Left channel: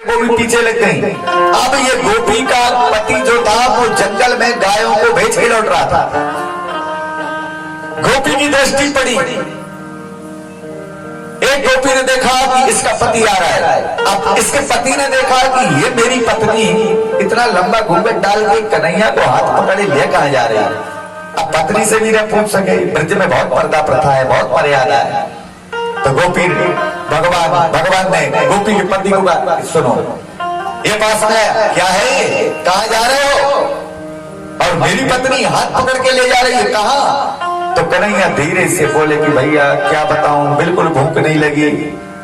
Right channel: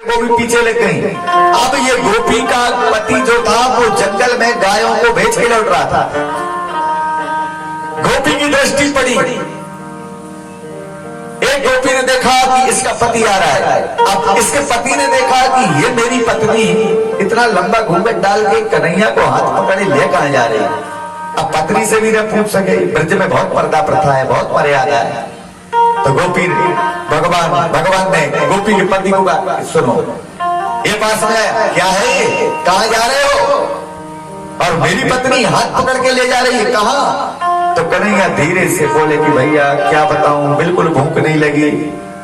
वो भी पीछे लग गई। अब ये गोपी का पति जो था वो जंगल में गायों को बेच के लौट रहा था। गोपी की दृष्टि पड़ी, एक गोपी ने देखा कि इसका पति आ रहा है। अब इसके पति ने देखा कि ये मेरी पत्नी इतना लंबा घूंघट डाल के कन्हैया को हाथ पकड़े ले कहां जा रही है। अब पत्नी से भी न पूछ सके, ब्रज में बहुत पर्दा प्रथा है, बहुत मर्यादा है। तो गोपी भगवान ने गोपी के पति को कहा, सुनो ये पास में क्या है, ये कहां जा रहे हो? और मेरी पत्नी हाथ पकड़ के ले जा रही है, कहां? तो कन्हैया धीरे से बोले कि भैया क्या बताऊं, बिल्कुल भूख नहीं लगी,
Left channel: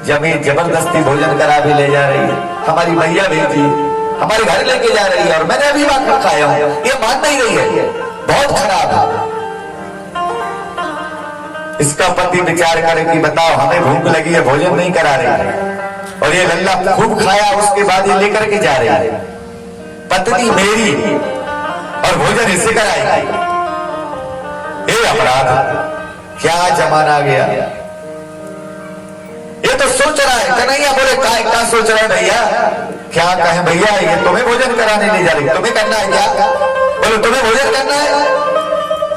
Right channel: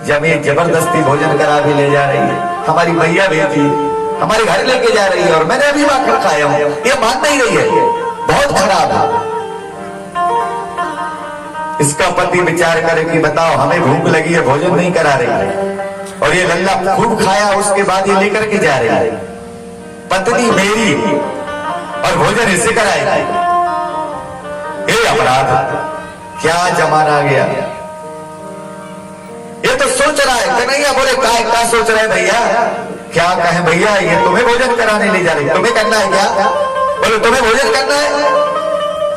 जब ये जबरदस्ती भोजन करा के ले जा रही है। हमारी भैया भेजी, हमारे घर लेके जा रही है और मैंने अभी माखन खाया हूं, ये मान नहीं रही है, बहुत खराब है। इसका पति विचार करे कि बताओ हमें भूख लगी है, भोजन नहीं करा रही है और ये लल्ला खूब खाया, उसके बाद ये लेकर के जा रही है। पत्नी मेरी और भोजन इसे कराएगी, ये अपराध, क्या जमाना आ गया। ये तो सोच रहा है। कन्हैया बोले क्या सोच रहा है भैया, क्या कहें भैया, ये तुम्हें भोजन कराने ले जा रही, तुम्हें करना है क्या? बोलो तुम्हें भोजन करना है?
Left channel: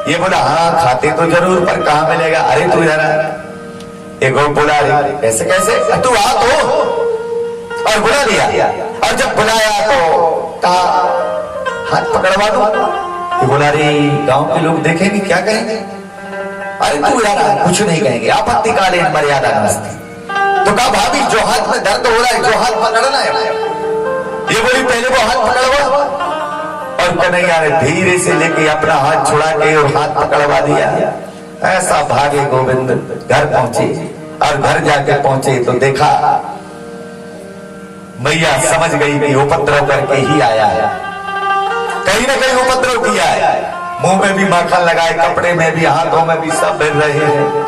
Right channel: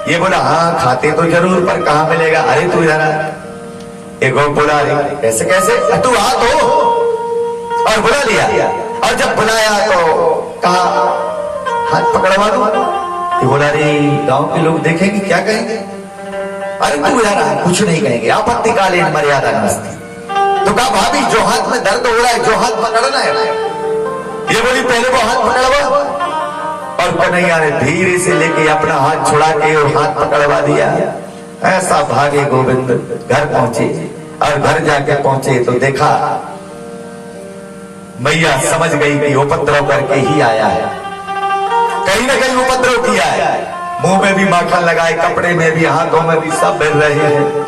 ये बोला हाँ खाते तो जरूर, पर कहां मिलेगा? अरे तू जरा, एक बोला ऐसे कैसे, तू आ तो, और बुला लिया। और जब बुलाया तो कहा हाथ पकड़वा दो। ये बोला अरे गांव के लोग देखेंगे क्या कहेंगे? अरे तू जरा, कुछ नहीं कहेंगे, आपत्तिकालीन मर्यादा नमस्ते। तो कहा भाभी जो हाथ में दर्द हो रहा है, जो हाथ पकड़ना है, ये बोली पहले वो हाथ पकड़वा। और कन्हैया ने धीरे से लेके अपना हाथ छुड़ा के और हाथ पकड़वा दिया। ऐसा भागे गोविंद घर पहुंचे और घर जाके पहुंचे तो देखा मैया समझ गई कि उपद्रव करके ही आया है, कहीं ना कहीं उपद्रव किया है। मुंह में भी माखन लगाए, कपड़े में भी, हाथों में भी, सब मिल रहे हैं।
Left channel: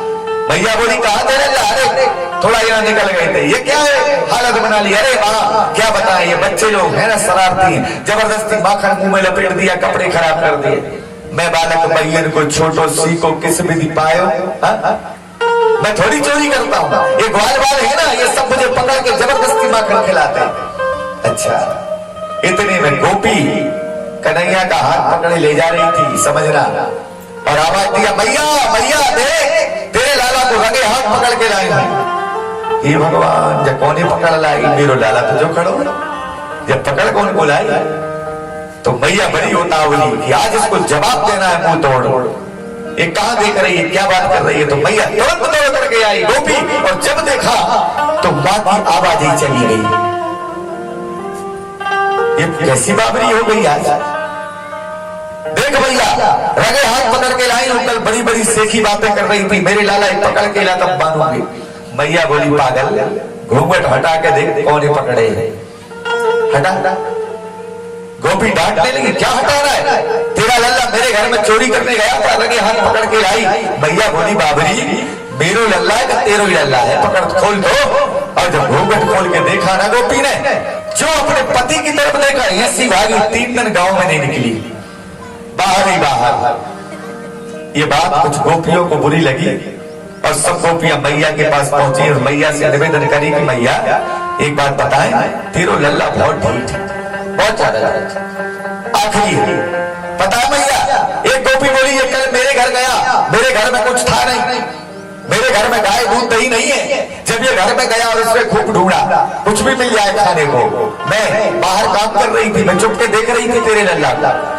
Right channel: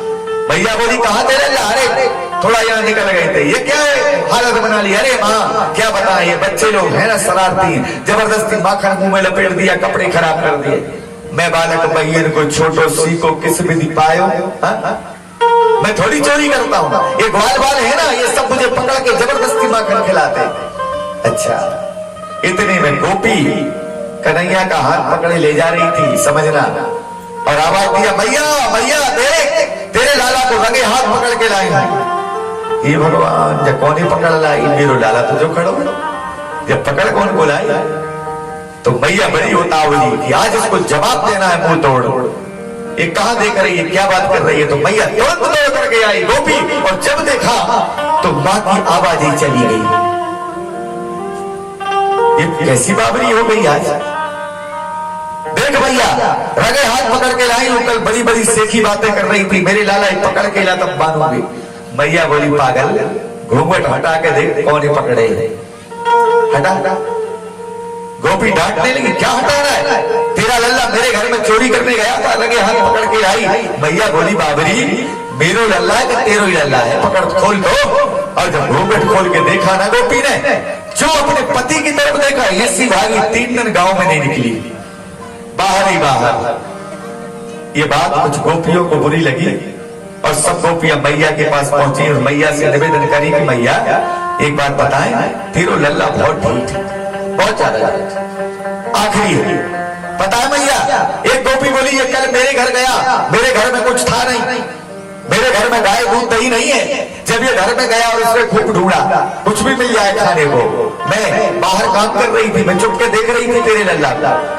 भैया बोली कहां तेरे जा रहे, थोड़ा यहाँ निकल गए थे, ये क्या है हालत बना ली? अरे माँ क्या बता, ये बच्चे लोग हैं ना शरारती, जबरदस्ती माखन मुंह में लपेट दिया, कपड़े खराब कर दिए। मैं बालक बहियन को छोटो सी को किस विधि पायो, मैं थोड़ी चोरी करता हूँ, ये ग्वाल वाल है ना, ये सब मुझे पकड़ के जबरदस्ती माखन खिलाते। अच्छा, इतने में गोपी कन्हैया का हाथ पकड़े ले जा रही थी, समझना, और आवाज दिया मैया मैया देख तेरे लाला को रंगे हाथ पकड़ के लाई है। ये भगवान जब कौन ही पकड़ लाई, मेरो लाला तो जो खड़ो, जब पकड़ कौन को लाई? तो मैया बड़ी उतावली कि आज इसको जवाब देना है मुंह तोड़। ये कहां देख रही है, क्या बात कर रही है? तो मैया तुरंत दौड़ करके आई गोपी, और जब देखा तो मां की आवाज ही चली गई। ये कैसी बाबरी हो गई आज? देख भैया रंगे हाथ पकड़ के लाई, कल बड़ी बड़ी सेखी बातें कर रही थी, मेरे लाला पकड़ के ला तब मानूंगी। मैया बोली पागल, घूंघट हटा के देख कौन ही पकड़े है, हटा। गोपी डांटने लगी, क्या हटा रहा है? तेरा लल्ला मेरे घर में चोरी करने गया था, रंगे हाथ पकड़ के आई। भैया बोली बाबरी मेरो लल्ला है कि तेरो ही लल्ला है, पकड़ खोल दो। और जब घूंघट खोल के देखा ना गोपी ने, जो अपने पति की तरफ देखा, ऐसी भागी 3 दिन गांव में नहीं निकली, बाहर ही बाहर। ये बात कुछ गोपियों को बुरी लगी और सब गोपियां मैया के पास पहुंची और मैया से निवेदन करी कि मैया एक बात बताएं, तेरो लल्ला बहुत ढीठ है, बहुत ज्यादा। आखिरी पता है मैया, एक गोपी बोली ये कल मेरे घर गया, मेरे घर में कुछ था नहीं, मेरे घर में गाय दूध दही नहीं है। जब ये घर में गया और उसने खूब ढूंढा, कुछ भी मिल जाए खाने को, मैं बाहर काम कर रही थी, मैं चुप के देख रही थी तेरे लल्ला।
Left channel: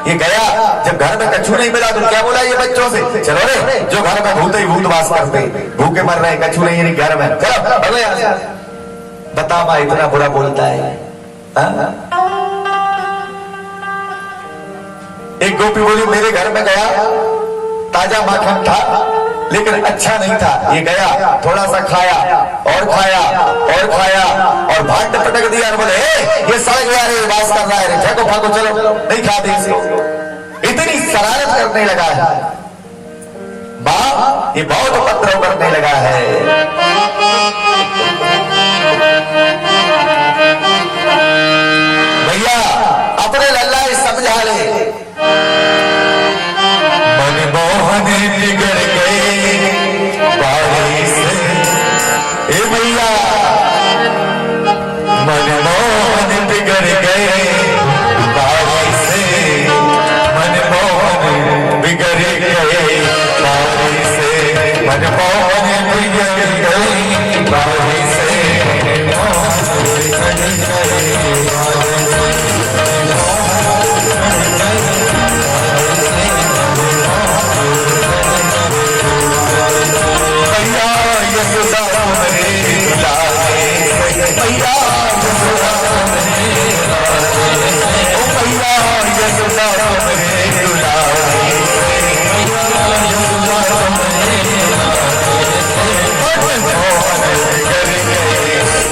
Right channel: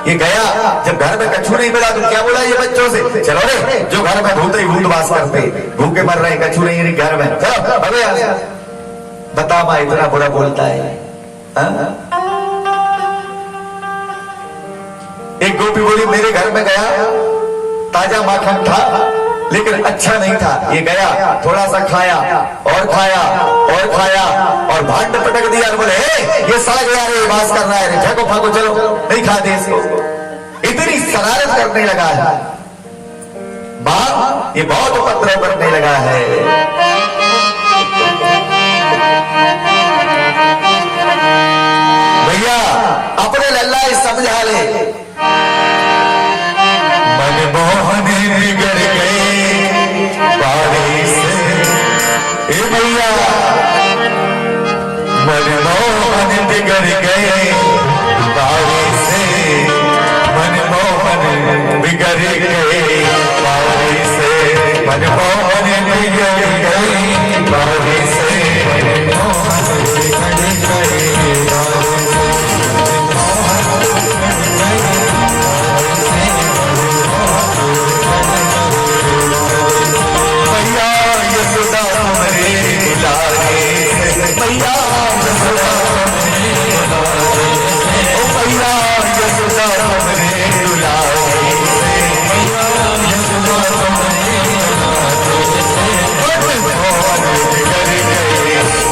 ये गया, जब घर में कछू नहीं मिला तो क्या बोला ये बच्चों से, चलो रे जो घर में भूत ही भूत वास करते, भूखे मर रहे, कछू नहीं घर में, चलो। बता माँ इतना बुरा बोलता है? एक गोपी बोली मेरे घर में गया, ताजा माखन था लेकिन अच्छा नहीं था, ये गया थोड़ा सा खाया और खाया और खाया और भांड पटक दिया और बोले ये सड़ गया रे, वास करना है, फेंको फाको, चलो नहीं खाते इसको। इतनी शरारत करने लगा है माँ, ये बहुत उपद्रव करने लगा है। भैया अपने लल्ला समझा ले, मनमोहन बिगड़ गए बारिश, ए भैया मनमोहन बिगड़ गए बारी से, मनमोहन बिगड़ गए बारी से, मनमोहन बिगड़ गए बारी से, मनमोहन बिगड़ गए बारी से। मैया यशोदा हमरे दुलारे, मैया यशोदा हमरे दुलारे, ओ मैया यशोदा हमरे दुलारे, मैया यशोदा हमरे दुलारे, मनमोहन बिगड़ गए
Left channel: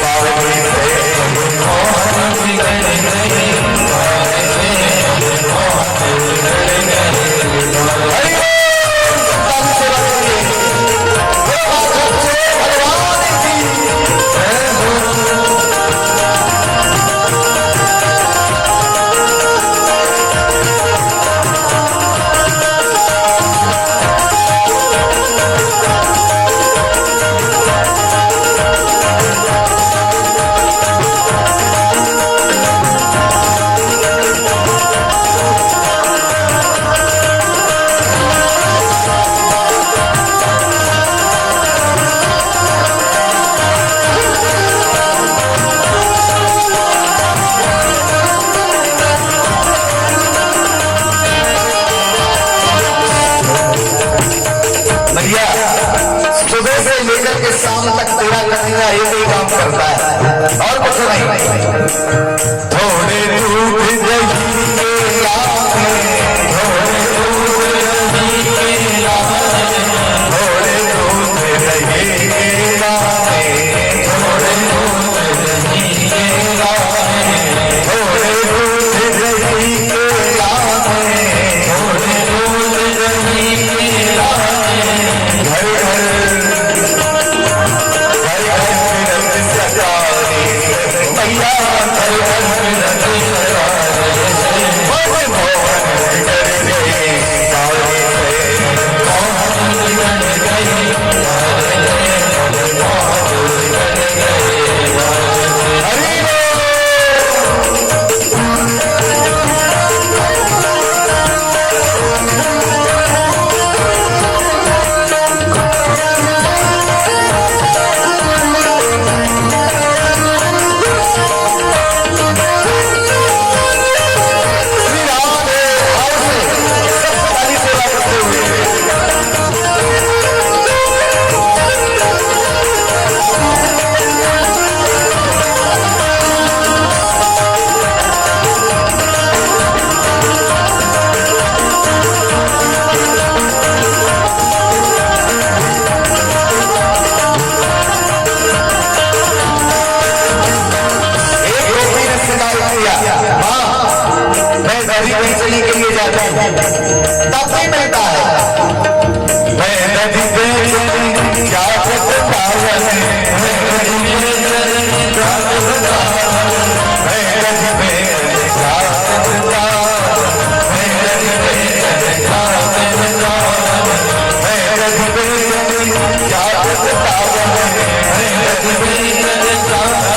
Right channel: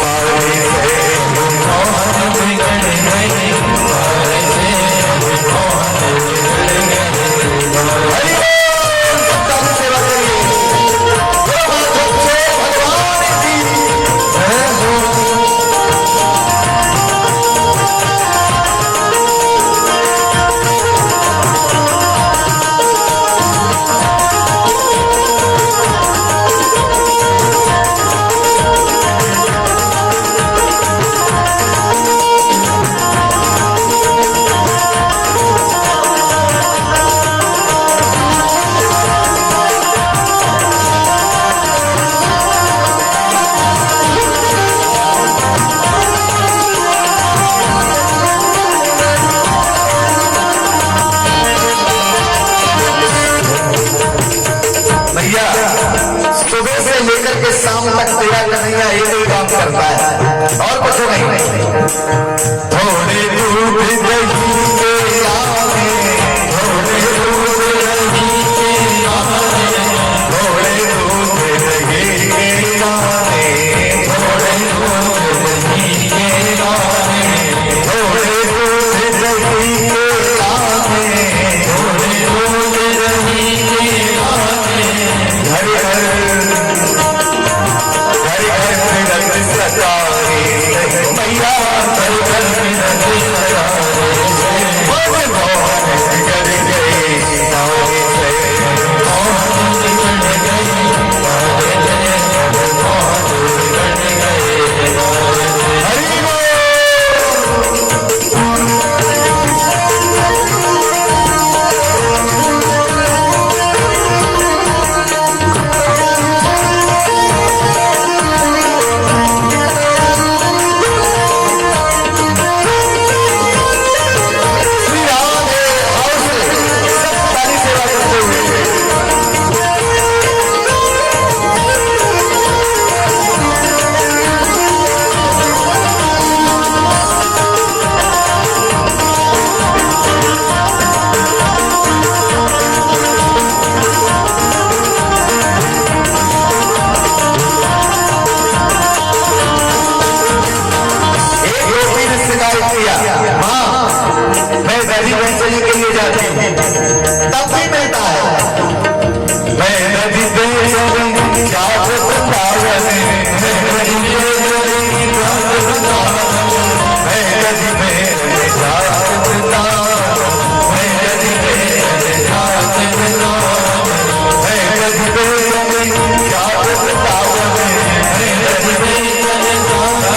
बारी से, मनमोहन बिगड़ गए बारी से, मनमोहन बिगड़ गए। सेवा करिए भैया। सुबह से लेकर के शाम तक सेवा करने का ये कोई काम करता है और कुछ नहीं। थोड़े दूध दही के लाने, थोड़े दूध दही के लाने, थोड़े दूध दही के लाने, थोड़े दूध दही के लाने, थोड़े दूध दही के लाने, थोड़े दूध दही के लाने, घर घर सजाए मैया, घर घर सजाए, मनमोहन बिगड़ गए बारी से, मनमोहन बिगड़ गए बारी से, मनमोहन बिगड़ गए बारी से। हरि वंशली के लिए जाते हैं तब भी मिलता है। मैंने भी बेचनी क्या बताया, मैंने भी बेचनी क्या बताया, मैंने भी बेचनी क्या बताया, मैंने भी बेचनी क्या बताया, मैंने भी बेचनी क्या बताया, मैंने भी बेचनी क्या बताया।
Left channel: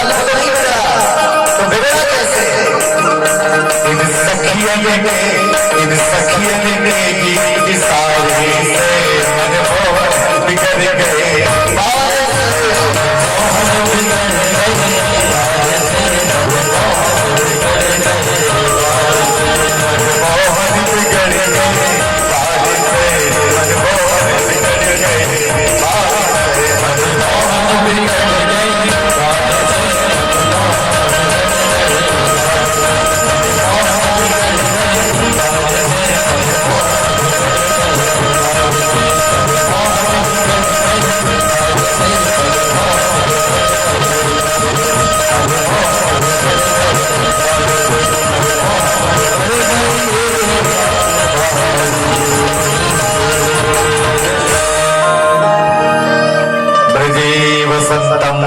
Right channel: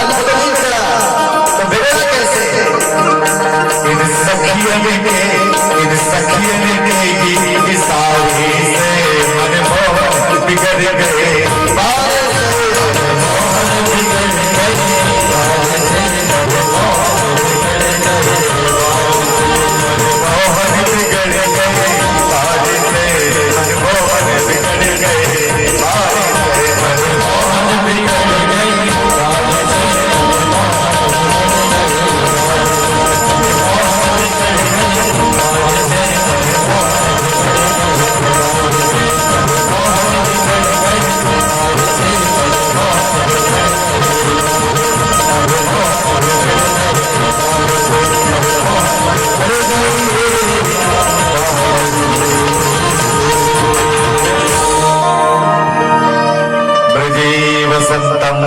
माहौल खुद नहीं बिगड़ा तो बिगड़ा कैसे? इन सखियन के गीत सारे से मन मोहन बिगड़ गए,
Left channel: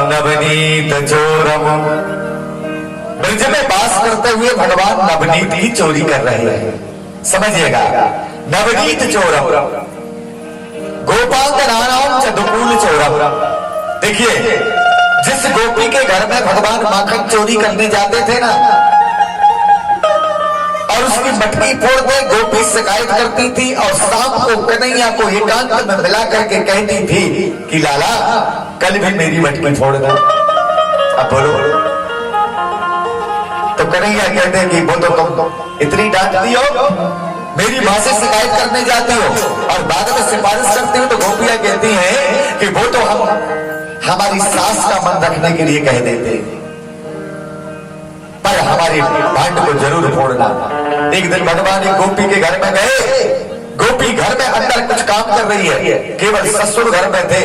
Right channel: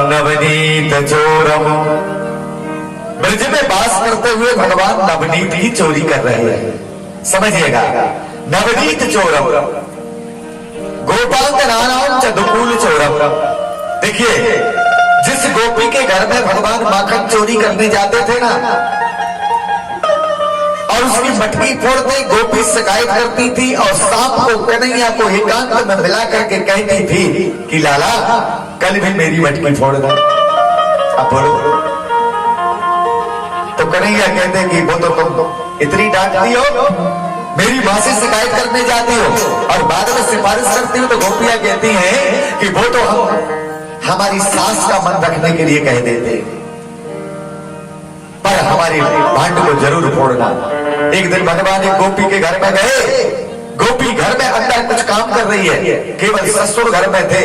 नवनीत चोरम। ब्रज में वास करते हुए भगवान नवनीत की चोरी कर रहे हैं, समझिएगा। नवनीत चोरम गोपांग नानाम चदुकूल चोरम। देखिए, जिस गोपी के घर में भगवान माखन चोरी करने जाते थे ना, और उसकी मटकी फोड़ते गोपी शिकायत करती थी और सांप को कन्हैया को एकांत में मिला करके कहती थी कि लाला कल भी मेरी मटकी फोड़ दे। अब बोलो, तो कन्हैया कहते हैं कि वो तो तुम इतनी डांटती हो, मेरी मां से शिकायत करने जाती हो और बाद में सिफारिश करती हो, तो गोपियां कहती हैं कि वो तो हम हमारी सास का मन रखने के लिए कह देते, पर हमारे भांड को जरूर फोड़ना। एक दिन भगवान एक गोपी के घर में गए, गोपी घर में अंदर कुछ काम कर रही है, केवल ससुर घर में थे।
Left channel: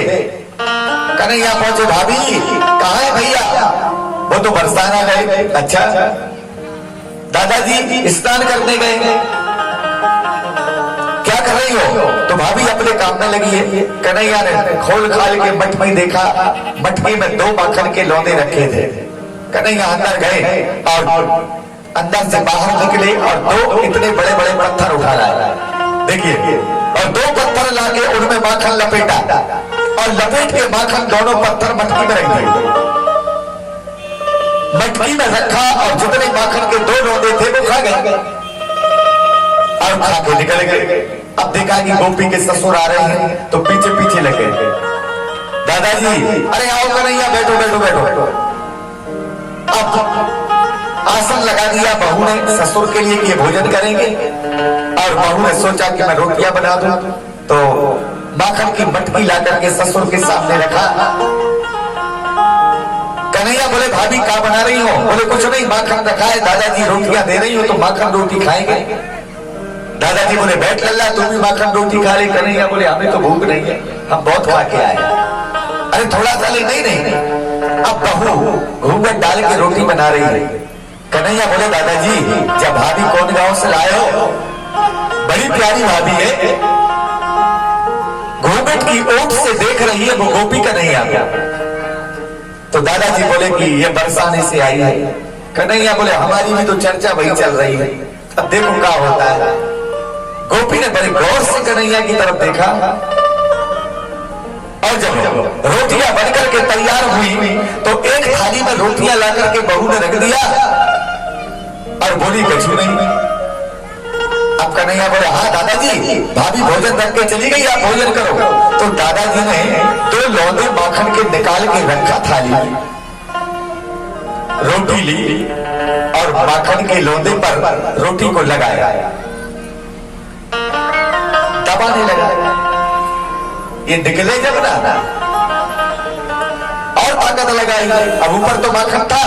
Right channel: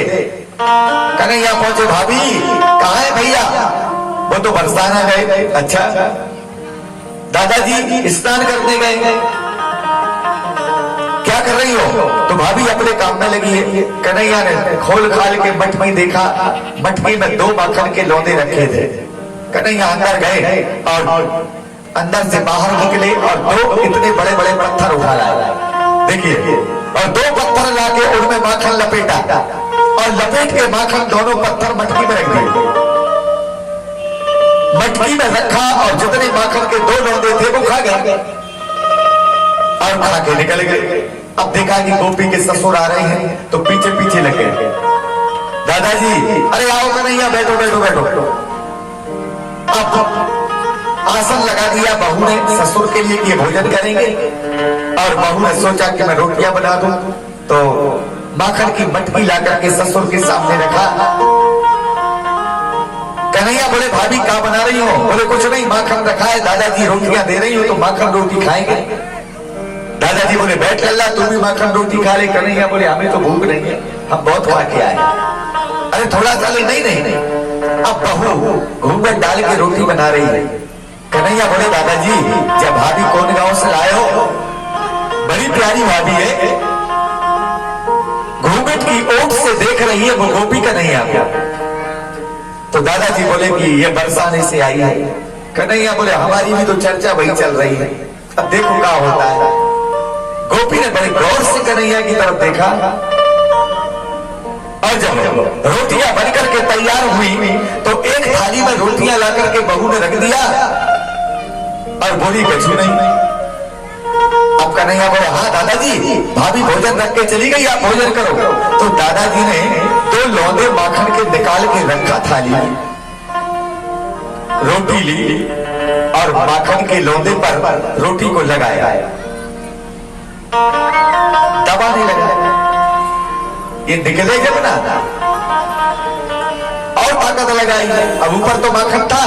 कन्हैया पहुंचे, भाभी कहाँ है भैया? वो तो बरसाना गए। अच्छा, दादाजी स्नान करने गए, क्या कर रही हो? तो भाभी अपने काम में लगी है। कन्हैया ने खोल खाल के मटकी देखा, मटकी में 2 माखन के लौंदे रखे थे। कन्हैया अंदर गए और अंदर से बाहर निकले और 2 इतने बड़े बड़े पत्थर उठा लाए। देखिए, और 2 पत्थर लाके उनमें माखन लपेटा और लपेट के माखन दोनों पत्थर मटकी में रख दिए। मटकी में रखा और जितने माखन के 2 लौंदे थे वो खा गए और खा के निकल गए। अब देखा कि गोपी के ससुर आ रहे हैं तो पीछे पीछे लगे। दादाजी, अरे आओ कन्हैया, बैठो बैठो बैठो। अब आसन लगा दिया बहू ने ससुर के लिए कि ये भोजन करेंगे, और बहू ने सोचा कि मैं रोटियां बना दूं, तो माखन की मटकी ला करके ससुर के सामने रखा। कन्हैया बोले, भाभी क्या बना रही हो? बोले, कुछ नहीं, माखन रखा है, दादाजी रोटियां दे रही हो तो माखन रोटी खाएंगे। दादाजी बोले, बैठ लल्ला, तुम भी माखन रोटी खा रही। कन्हैया बोले, हमें तो भूख नहीं है, हम बहुत खा के आए। अरे थोड़ा सा ले, नहीं नहीं। अब बहू घूंघट डाल के रोटी बना रही है। कन्हैया बोले, दादाजी जब भाभी कौन गांव से लाए हो? बड़ी प्यारी भाभी है, घूंघट की ओट से देख रही है, वो गोपी का नहीं आता। तो दादाजी बोले कि ये बरसाने से आई है। कन्हैया बोले, हमारी भी तो चर्चा वही चल रही है, अब देखो क्या होता है। गोपी ने बड़े गौर से कन्हैया की तरफ देखा और जब रोटियां बनकर के तैयार हुई तो एक थाली में रोटियां ला करके बहू ने रख दिया और बोली, कछु नहीं। अब कन्हैया बोले, हाँ दादाजी, भाभी भोजन रख के चली गई, आप भोजन करो। तो दादाजी ने 2 लौंदे माखन के निकाल के रखा थाली में, रोटी ली और माखन के लौंदे पर रोटी को लगाया, दबाने लगा। ये निकले जब ना और ताकत लगाई, अब ऊपर तो माखन था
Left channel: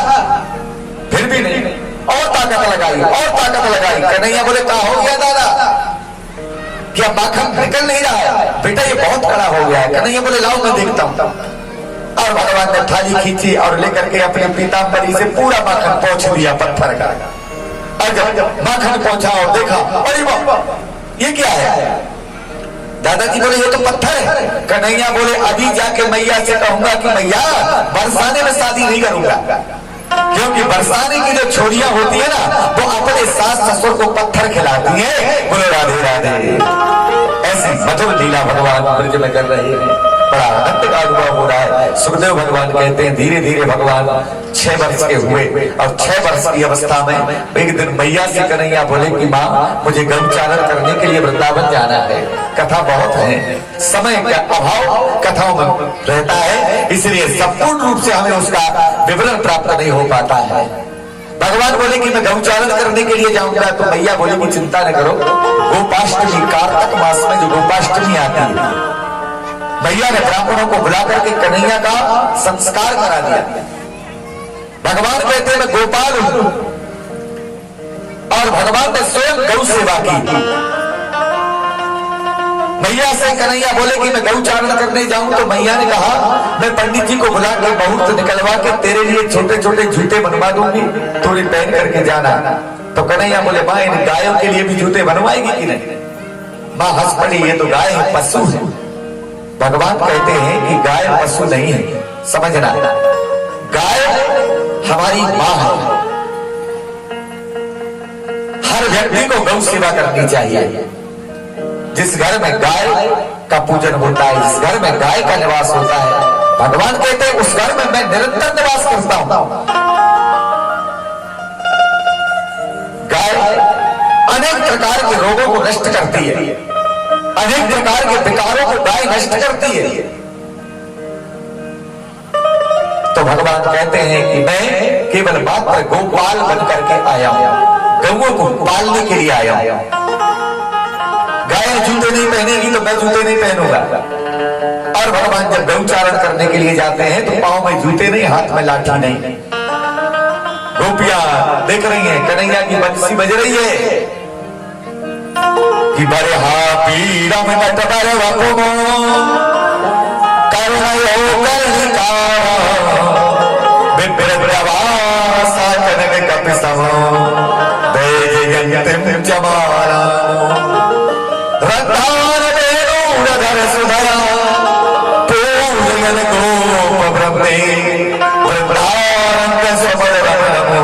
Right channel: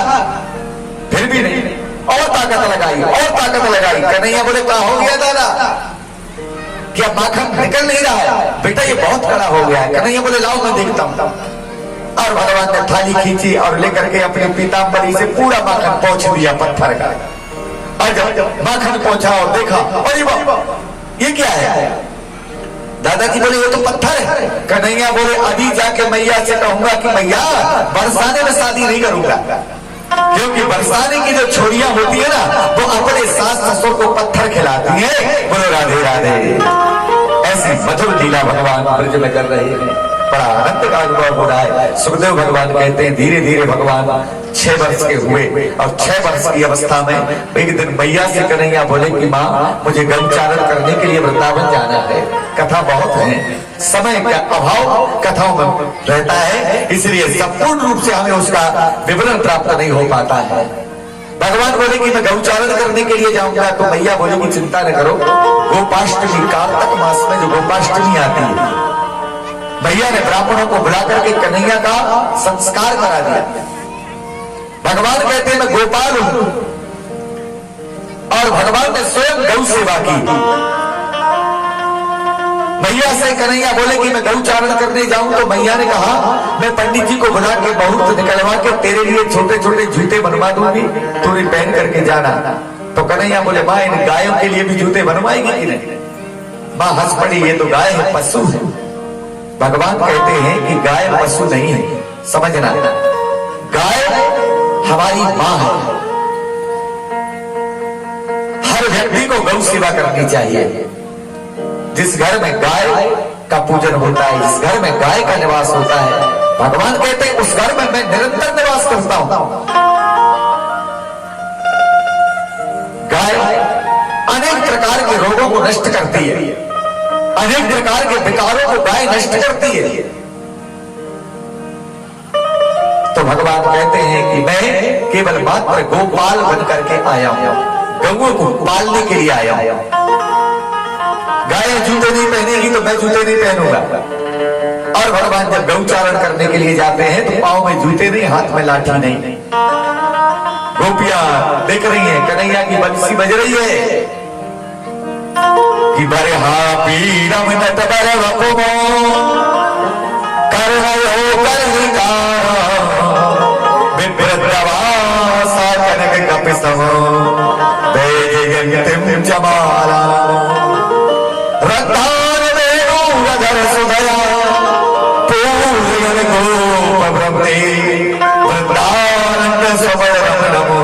फिर भी नहीं, और ताकत लगाई और ताकत लगाई। कन्हैया बोले, क्या हो गया दादा? क्या माखन निकल नहीं रहा है? बेटा ये बहुत कड़ा हो गया है। कन्हैया बोले, लाओ मैं देखता हूं। और भगवान ने थाली खींची और लेकर के अपने पीताम्बरी से पूरा माखन पहुंच दिया पत्थर का। और जब माखन पहुंचा और देखा, अरे ये क्या है? दादाजी बोले, ये तो पत्थर है। कन्हैया बोले, अभी जाके मैया से कहूंगा कि मैया बरसाने में शादी नहीं करूंगा, क्योंकि बरसाने की जो छोरियां होती है ना, वो अपने सास ससुर को पत्थर खिलाती है। बोले, राधे राधे। ऐसी मधुर लीला भगवान ब्रज में कर रहे हैं। बड़ा आनंद का अनुभव हो रहा है। सुखदेव भगवान कहते हैं धीरे धीरे भगवान 6 वर्ष के हुए और 6 वर्ष की अवस्था में एक दिन मैया से कन्हैया बोले कि माँ मुझे गौचारण करने के लिए वृंदावन जाना है। कथा बहुत है, समय का अभाव कथाओं में रहता है, इसलिए संपूर्ण रूप से हमें उसका विवरण प्राप्त नहीं हो पाता है। भगवान बोले कि मैं गौचारण करने के लिए जाऊंगा, तो मैया बोले कि चिंता न करो, गोपाष्टमी कार्तिक मास में जो गोपाष्टमी आती है, मैया ने ब्राह्मणों को बुला करके कन्हैया का संस्कार करा दिया। भगवान कहते हैं मैं गोपाल हूं और भगवान ने स्वयं गौ सेवा की। मैया से कन्हैया बोले कि मैं गौचारण करने जाऊं, तो मैया ने कहा मैं पंडित जी को बुला के बहुत निकलवा के तेरे लिए छोटे छोटे जूते बनवा दूंगी, तूने पहन करके जाना। तो कन्हैया बोले माँ इन गायों के लिए भी जूते बनवाएगी कि नहीं? माँ हंस पड़ी, ये तो गाय है, पशु है। भगवान कहते हैं कि गाय पशु नहीं है, समझना, गाय हमारी माँ है। हर व्यक्ति को गौ सेवा करनी चाहिए। जिस घर में गाय का पूजन होता है, जिस घर में गाय का निवास होता है, भगवान कहते हैं उस घर में मैं निरंतर निवास करता हूं। गाय अनेक प्रकार के रोगों को नष्ट करती है, अनेक प्रकार के विकारों को गाय नष्ट करती है। तो भगवान कहते हैं कि मैं केवल मात्र गोपाल बन करके आया हूं, गौओं को पालने के लिए आया हूं। गाय जूते नहीं पहनेगी तो मैं जूते नहीं पहनूंगा। और भगवान जब गौचारण करने के लिए जाते हैं तो पांव में जूते नहीं, हाथ में लाठी नहीं। गोपियां देख रही हैं, कन्हैया की बंसी बज रही है कि बरे हा पीरम नट बर वपुमो करुणयो कर्णिकारा विप्रवासा कनक कपिसमो दैजयन्तीं जमाला रत्नान वेणुधर सुधरा पूजयन गोप ब्रह्मे वृंदारण्य समरम नमो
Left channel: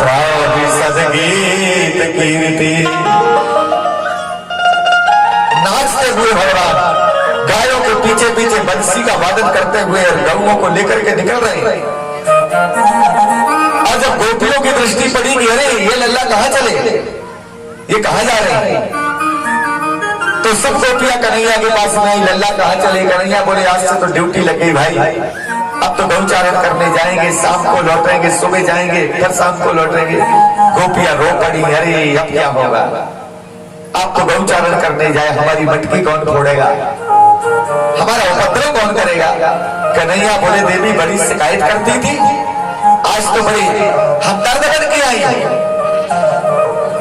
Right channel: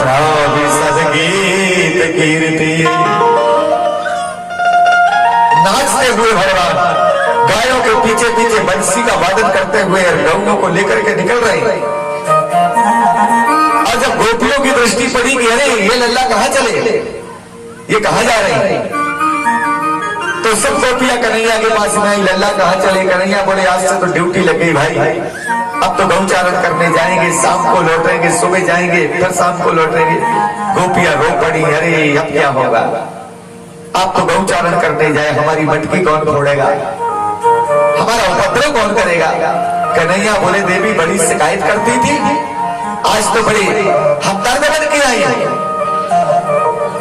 प्राविशद गीत कीर्ति। नाचते हुए भगवान गायों के पीछे पीछे बंसी का वादन करते हुए गौओं को लेकर के निकल रहे हैं। और जब गोपियों की दृष्टि पड़ी कि अरे ये लल्ला कहाँ चले, ये कहाँ जा रहे हैं, तो सब गोपियां कन्हैया के पास में आई, लल्ला कहाँ चले? कन्हैया बोले आज से तो ड्यूटी लग गई भाई, अब तो गौचारण करने जाएंगे, शाम को लौटेंगे, सुबह जाएंगे, फिर शाम को लौटेंगे। गोपियां रो पड़ी, अरे अब क्या होगा, आप तो गौचारण करने जाए, हमारी मटकी कौन फोड़ेगा, हमारा उपद्रव कौन करेगा? कन्हैया बोले देवी बड़ी शिकायत करती थी, आज तो बड़ी हमदर्द बन के आई है,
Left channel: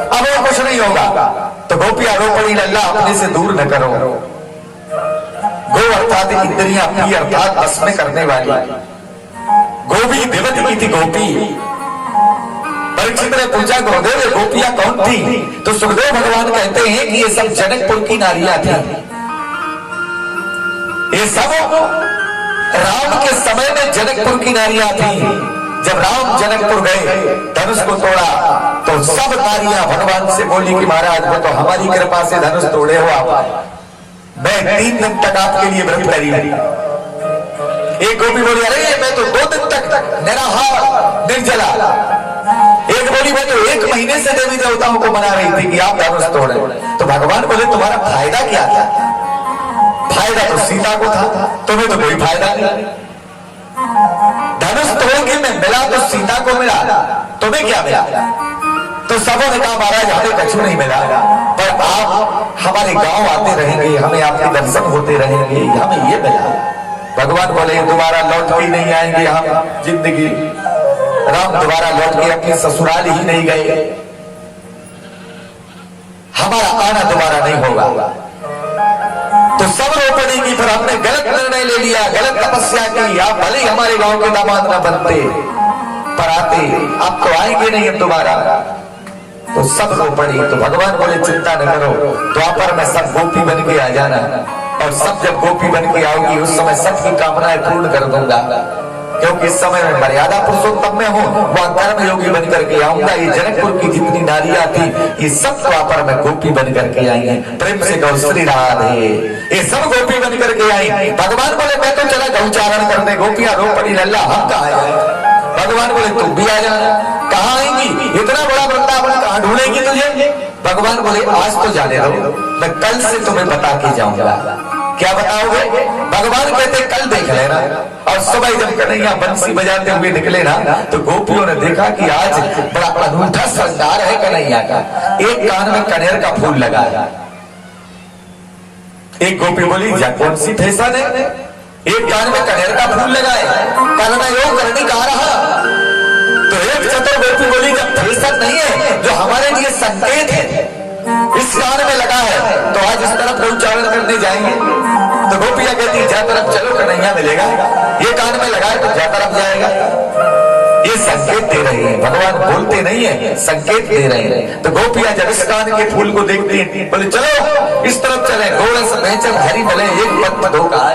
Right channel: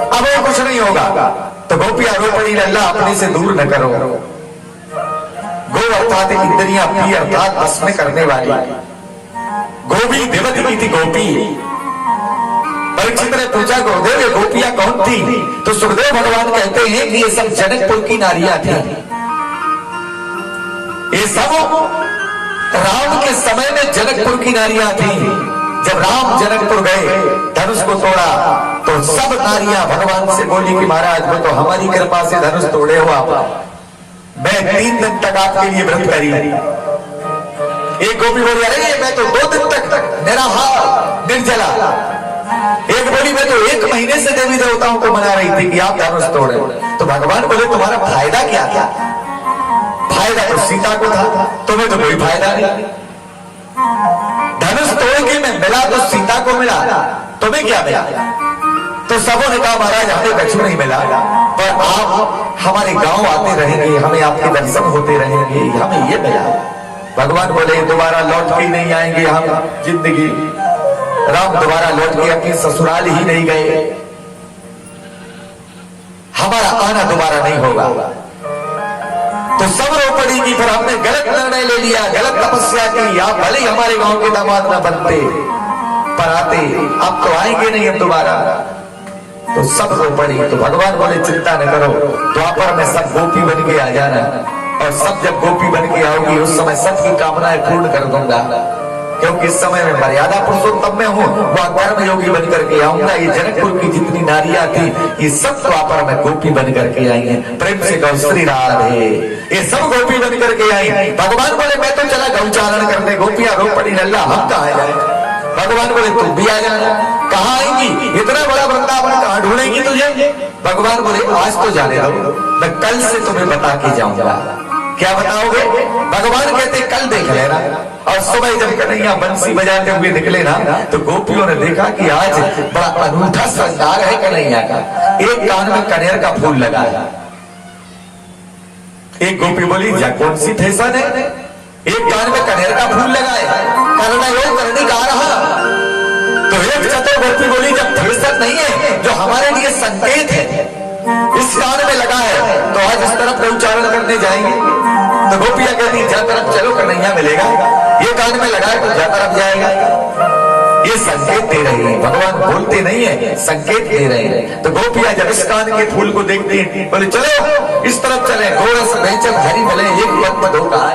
अब वो कुछ नहीं होगा। तो गोपियां रो पड़ी, लल्ला अपने से दूर न करो। गो अर्थात इंद्रियां अपनी अर्थात बस में करने वाली। गोपी विवत की थी गोपी। परीक्षित ने पूछा गुरुदेव ये गोपियां कौन थी? तो सुखदेव भगवान कहते हैं कि ये सब जनकपुर की नारियां थी। ये सब राम के समय में जनकपुर की नारियां थी। जब राम जनकपुर गए, धनुष को तोड़ा, तो सब नारियां भगवान से बोली कि महाराज वो तो हमारी कृपा से धनुष तोड़े हो आप, मैं 3 दिन तक आपके लिए व्रत करी। एक गोपी बोली अरे मैं तो 2 दिन तक निराहार निर्जला। एक बोली मैं तो 1 महीने से देवी देवताओं को मना रही थी कि आप धनुष तोड़े। तो भगवान बोले तुम्हारा फायदा क्या था? फायदा तो सीता को था, तुम्हें तो कोई फायदा नहीं। धनुष तोड़ोगी में मिला तो सीता को मिला, तुम्हें क्या मिला? तो सबों ने कहा महाराज हमें कछु नहीं मिला, पर आप हमारे गांव आते रहेंगे, हमें आपके दर्शन होते रहेंगे, हमें ये मिला। भगवान बोले दोबारा लौट के नहीं आएंगे हम जिंदगी। राम दोबारा लौट के अपनी ससुराल ही नहीं गए, हमारा आना दोबारा नहीं होगा। तो सब रो पड़ी कि फिर हमने गलत निर्णय ले लिया, गलत तपस्या की, आप भले ही हमारे गांव के दामाद न बनते पर आते, आप तो आएंगे नहीं हम दोबारा। तो सब रो पड़ी। तो भगवान बोले चिंता न करो, द्वापर में सब गोपी बन के आ जाना, और सब जब गोपी बन के आओगी उस समय सबकी कामनाएं पूर्ण कर दूंगा। क्योंकि इस समय में मर्यादा पुरुषोत्तम में हूँ, वह कर्म योगी बन करके आऊंगा। ये जनकपुर की जितनी नारियां थी ये सब द्वापर में गोपी बन करके आई हैं। प्रेम से गौ श्री राधे, ये सब गोपी बन करके आई। भगवान बोले मैं तो चला गौचारण करने, गोपियां रो पड़ी, लल्ला हम कहा जाए। भगवान बोले तुम भी आ जाना। कहाँ आएंगी, इतना बड़ा वृंदावन कहाँ ढूंढेंगी तुझे? भगवान बोले आज तो जाने दो, मैं कल से तुम्हें बता के जाऊंगा। क्या बताओगे? भगवान कहते कल देख लेना। और सुबह जब कन्हैया बंसी बजाते हुए निकले ना, तो गोपियों ने देखा कि आज बड़ा अनूठा श्रृंगार है कन्हैया का। एक कान में कनेर का फूल लगा है। एक गोपी बोली जा कौन सी फैशन है, एक कान में कनेर का फूल लगा है, करना योग करने गा रहा। तो एक चतुर गोपी बोली जब फैशन नहीं है, जो हमारे लिए संकेत है, इस कान में लगा है, तो आज इस तरफ गौचारण करने जाएंगे। तो गोपियां कहती जा तरफ चलो कन्हैया मिलेगा, ये कान में लगा है तो जा तरफ जाएगा। ये संकेत दे रही है, भगवान बोलते नहीं है, संकेत दे रहे हैं। तो गोपियां जब इस कान के फूल को देखती हैं, बोले चलो इस तरफ चले, घोड़े से बेचल हरी भले एक पद दो का।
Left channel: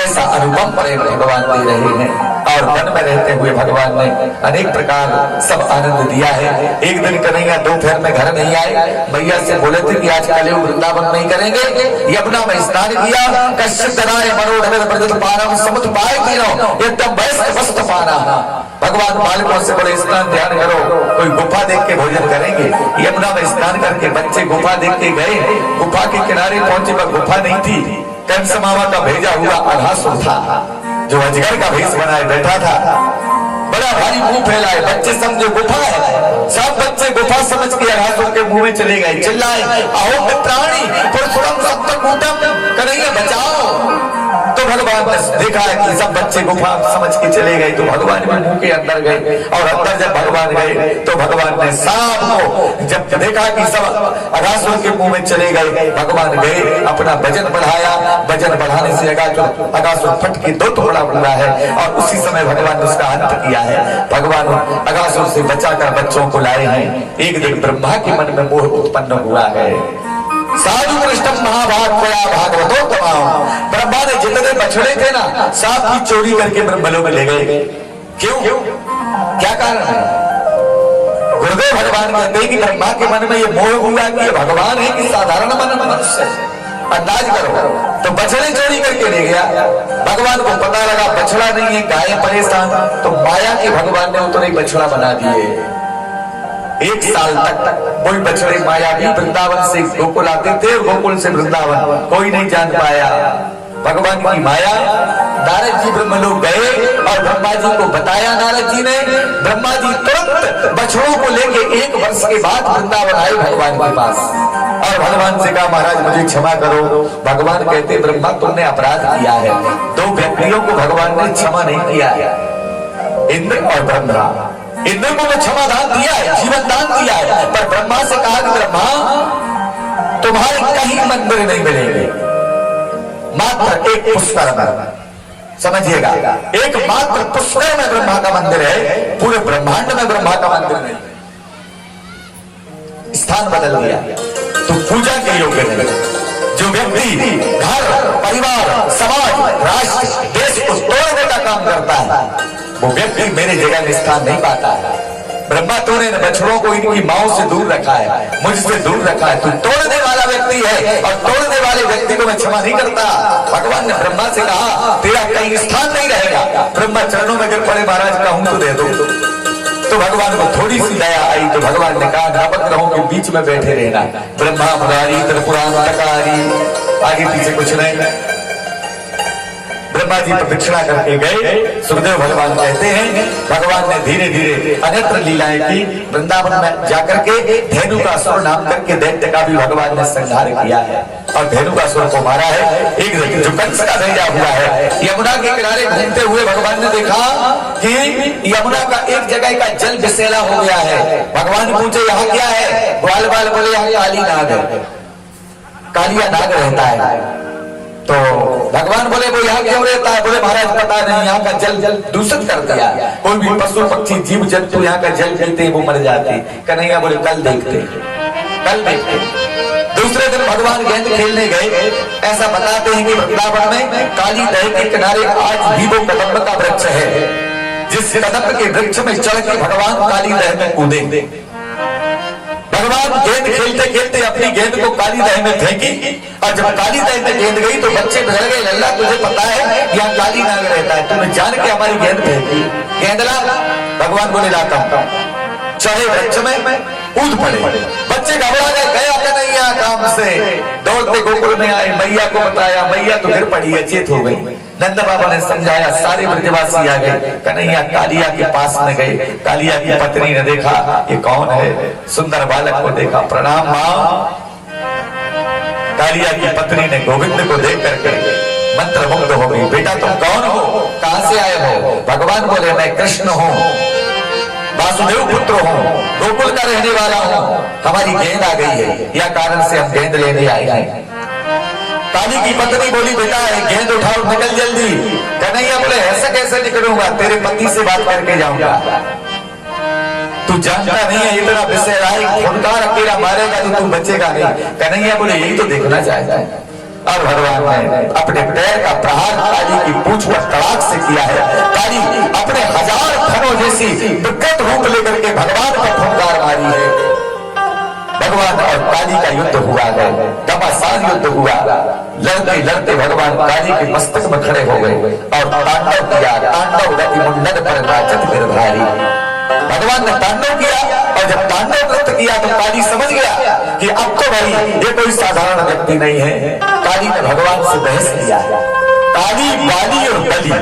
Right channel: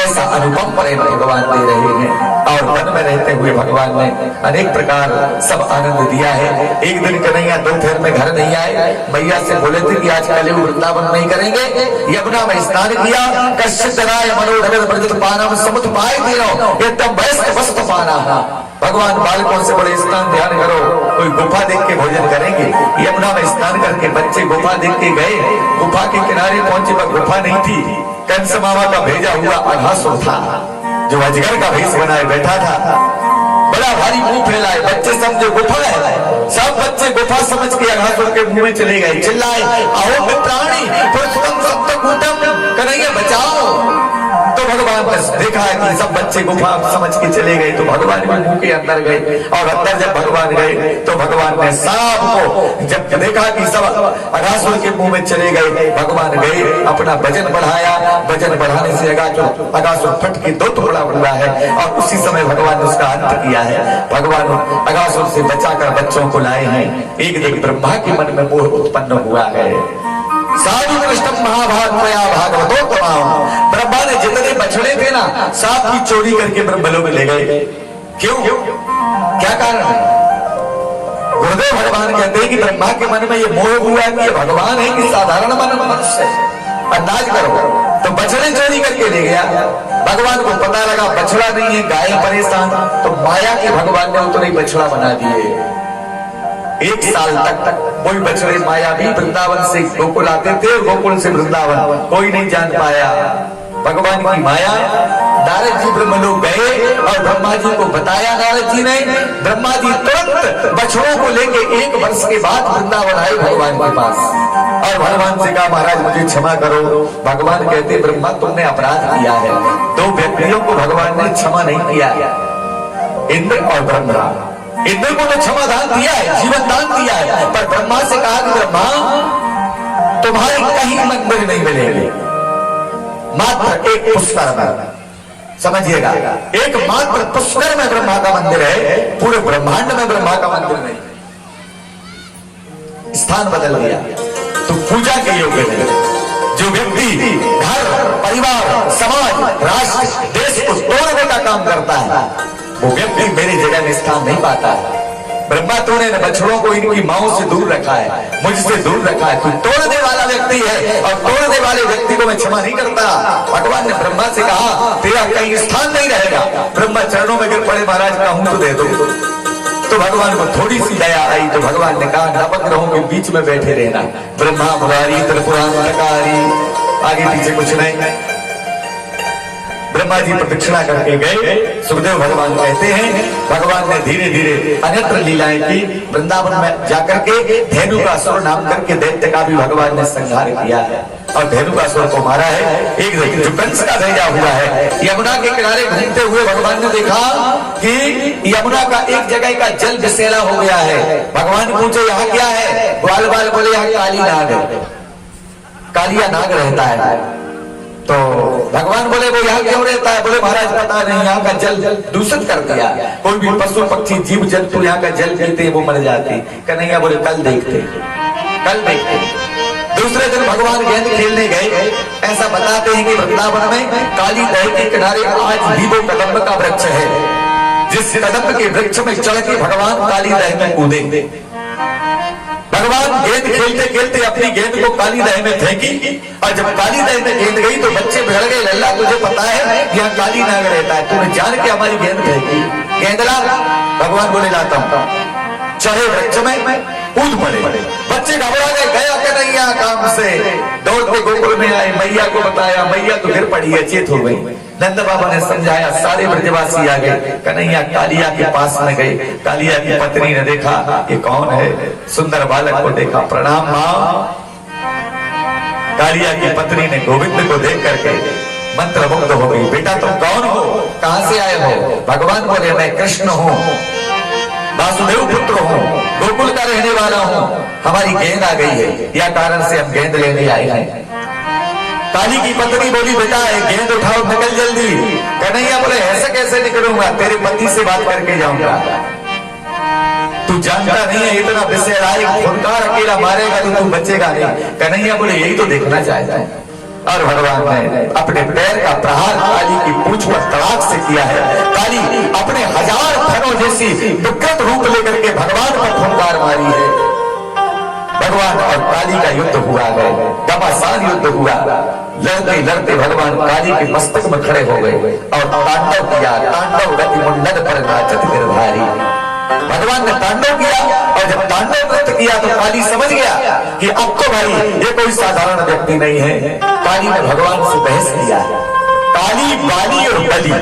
ऐसा अनुपम प्रेम भगवान दे रहे हैं। और वन में रहते हुए भगवान ने अनेक प्रकार सब आनंद दिया है। एक दिन कन्हैया दोपहर में घर नहीं आए, मैया से बोले थे कि आज कल वृंदावन नहीं करेंगे। यमुना में स्नान किया, कश्यप जनाय मनोरथ ब्रजत पानम समुद्र पाए तीनों एकदम वयस्क वस्त्र पाना। भगवान बालकों से बोले स्नान ध्यान करो, कोई गुफा देख के भोजन करेंगे। यमुना में स्नान करके बच्चे गुफा देख के गए, गुफा के किनारे पहुंचे पर गुफा नहीं थी। कंस मामा का भेजा हुआ अघासुर था, जो अजगर का भेष बनाए बैठा था, बड़ा भारी मुंह फैलाए। बच्चे समझे गुफा है, सब बच्चे गुफा समझ के अघासुर के मुंह में चले गए, चिल्लाए अहो मित्राणी पुरुषोत्तम सप्तकूटम, कन्हैया बचाओ। तो भगवान ने देखा है कि सब बच्चे गुफा समझ के चले गए, तो भगवान भी मुंह के अंदर गए। और अंदर जब भगवान गए तो भगवान ने सांप को जब देखा कि सब अघासुर के मुंह में चले गए, भगवान गए अपना वजन बढ़ाया। वजन बढ़ाने से अघासुर फट के दो टुकड़ा हुआ है, और उसी समय भगवान ने उसका अंत किया है। भगवान अघासुर से बचाकर बच्चों को लाए हैं। एक दिन ब्रह्मा के मन में मोह उत्पन्न हुआ है। साधु कृष्ण महाभाग प्रया भागवतो कमाओ। ब्रह्मा ने जितने बछड़े थे ना, सांप की चोरी करके ब्रह्मलोक में ले गए। क्यों? क्या कारण है? गुरुदेव भगवान कहते हैं कि ब्रह्मा के मन में ये मोह हुआ कि ये भगवान है कि साधारण मनुष्य। अंदाज करो, तो बछड़े चोरी करके ले गया। भगवान को पता लगा बछड़ा नहीं है, गाय परेशान, तो माया के भगवान ने उतरे बछड़ा बना दिए। एक साल तक कोई बछड़े माया भी वृंदावन से गोकुल आते थे, और गोकुल से वृंदावन कोई नहीं जान पाया भगवान की माया। नारद जी ब्रह्मलोक गए और ब्रह्मा जी को बताया नारद जी ने। ब्रह्मा जी तुरंत बछड़ों को लेके 1 वर्ष के बाद वृंदावन आए भगवान के पास, और भगवान से कहा महाराज मुझे क्षमा करो। भगवान कहते ब्रह्मा तुमने अपराध किया है। 2 व्यक्तियों को भगवान ने क्षमा नहीं किया, इंद्र और ब्रह्मा। इंद्र को तो क्षमा दान दिया है, जीवन दान दिया है, पर ब्रह्मा से कहा कि ब्रह्मा तुम्हारे कहीं मंदिर नहीं मिलेंगे, मात्र एक पुष्कर में। समझिएगा, एक मात्र पुष्कर में ब्रह्मा का मंदिर है, पूरे ब्रह्मांड में ब्रह्मा का मंदिर नहीं। स्थान बदल गया तो पूजा के योग्य नहीं। जो व्यक्ति घर परिवार समाज राष्ट्र देश को तोड़ने का काम करता है, वो व्यक्ति मेरी जगह में स्थान नहीं पाता है। ब्रह्मा तूने बछड़ों को इनकी माओं से दूर रखा है, मुझसे दूर रखा है, तू तोड़ने वाला व्यक्ति है, और तोड़ने वाले व्यक्ति को मैं क्षमा नहीं करता। भगवान ने ब्रह्मा से कहा तेरा कहीं स्थान नहीं रहेगा। ब्रह्मा चरणों में गिर पड़े, महाराज कहूं तो दे दो। तो भगवान को थोड़ी सी दया आई, तो भगवान ने कहा नवग्रहों के बीच में बैठे रहना। ब्रह्मा मुरारी त्रिपुरांतकारी, आगे पीछे कुछ नहीं। ब्रह्मा जी प्रदक्षिणा करके गए। सुखदेव भगवान कहते हैं भगवान ने धीरे धीरे अन्यत्र लीलाएं की। वृंदावन में जाकर के धेनुकासुर नाम करके दैत्य का भी भगवान ने संहार किया है, और धेनुकासुर को मारा है। एक जो कंस का भेजा हुआ है, यमुना के किनारे घूमते हुए भगवान ने देखा कि यमुना का एक जगह का जल विषैला हो गया है। भगवान पूछे यहाँ क्या है? ग्वाल बाल बोले यहाँ काली नाग है, कालिया नाग रहता है। तो भगवान बोले वो यहाँ क्यों रहता है? बोले महाराज पता नहीं, यहाँ का जल दूषित कर दिया। कोई भी पशु पक्षी जीव जंतु यहाँ का जल पीते वो मर जाते। कन्हैया बोले कल देखते, कल देखते। दूसरे दिन भगवान गेंद खेलने गए। ऐसा बताते हैं कि वृंदावन में काली दह के किनारे आज भी वो कदम्ब का वृक्ष है, जिस कदम्ब के वृक्ष में चढ़ के भगवान काली दह में कूदे। भगवान गेंद खेलते खेलते अपनी गेंद को काली दह में फेंकी, और जब काली दह में गेंद गई तो बच्चे बिगड़ गए। लल्ला तुझे पता है यहाँ काली नाग रहता है, तूने जान के हमारी गेंद फेंकी। गेंद ला, भगवान बोले लाता हूं। चढ़े वृक्ष में कूद पड़े। बच्चे घबरा गए, गया कन्हैया काम से। दौड़ते गोकुल में आए, मैया को बताया, मैया तो गिर पड़ी, अचेत हो गई। नंद बाबा ने समझाया, सारे ब्रजवासी आ गए। कन्हैया कालिया के पास में गए। कालिया की पत्नी ने देखा कि कौन है, सुंदर बालक को देखा। प्रणाम मां। कालिया की पत्नी ने गोविंद को देख करके मंत्रमुग्ध हो गई। बेटा तुम कौन हो, कहां से आए हो? भगवान बोले मैं कृष्ण हूं, वासुदेव पुत्र हूं, गोकुल का रहने वाला हूं। हमारी गेंद आ गई है, या कारण से हम गेंद लेने आए हैं। काली की पत्नी बोली बेटा गेंद उठाओ, निकल जल्दी। कन्हैया बोले ऐसे कैसे निकलूंगा, तेरे पति से बात करके जाऊंगा। तू जानता नहीं है इतना विषय आए, फुनकार अकेला मारेगा तो तू बचेगा नहीं। कन्हैया बोले यही तो देखना चाहता है। और भगवान ने अपने पैर का प्रहार काली की पूंछ पर तड़ाक से किया है। काली अपने 1000 फनों जैसी विकृत रूप लेकर के भगवान पर फुनकार मारी है। भगवान और काली का युद्ध हुआ गए, घमासान युद्ध हुआ। लड़ते लड़ते भगवान काली के मस्तक में खड़े हो गए और तांडव किया। तांडव गति मुंडन पर नाचत गिरधारी। भगवान ने तांडव किया, और जब तांडव नृत्य किया तो काली समझ गया कि अब तो भाई ये कोई साधारण व्यक्ति नहीं है। काली ने भगवान से बहस किया। काली, बाली और बली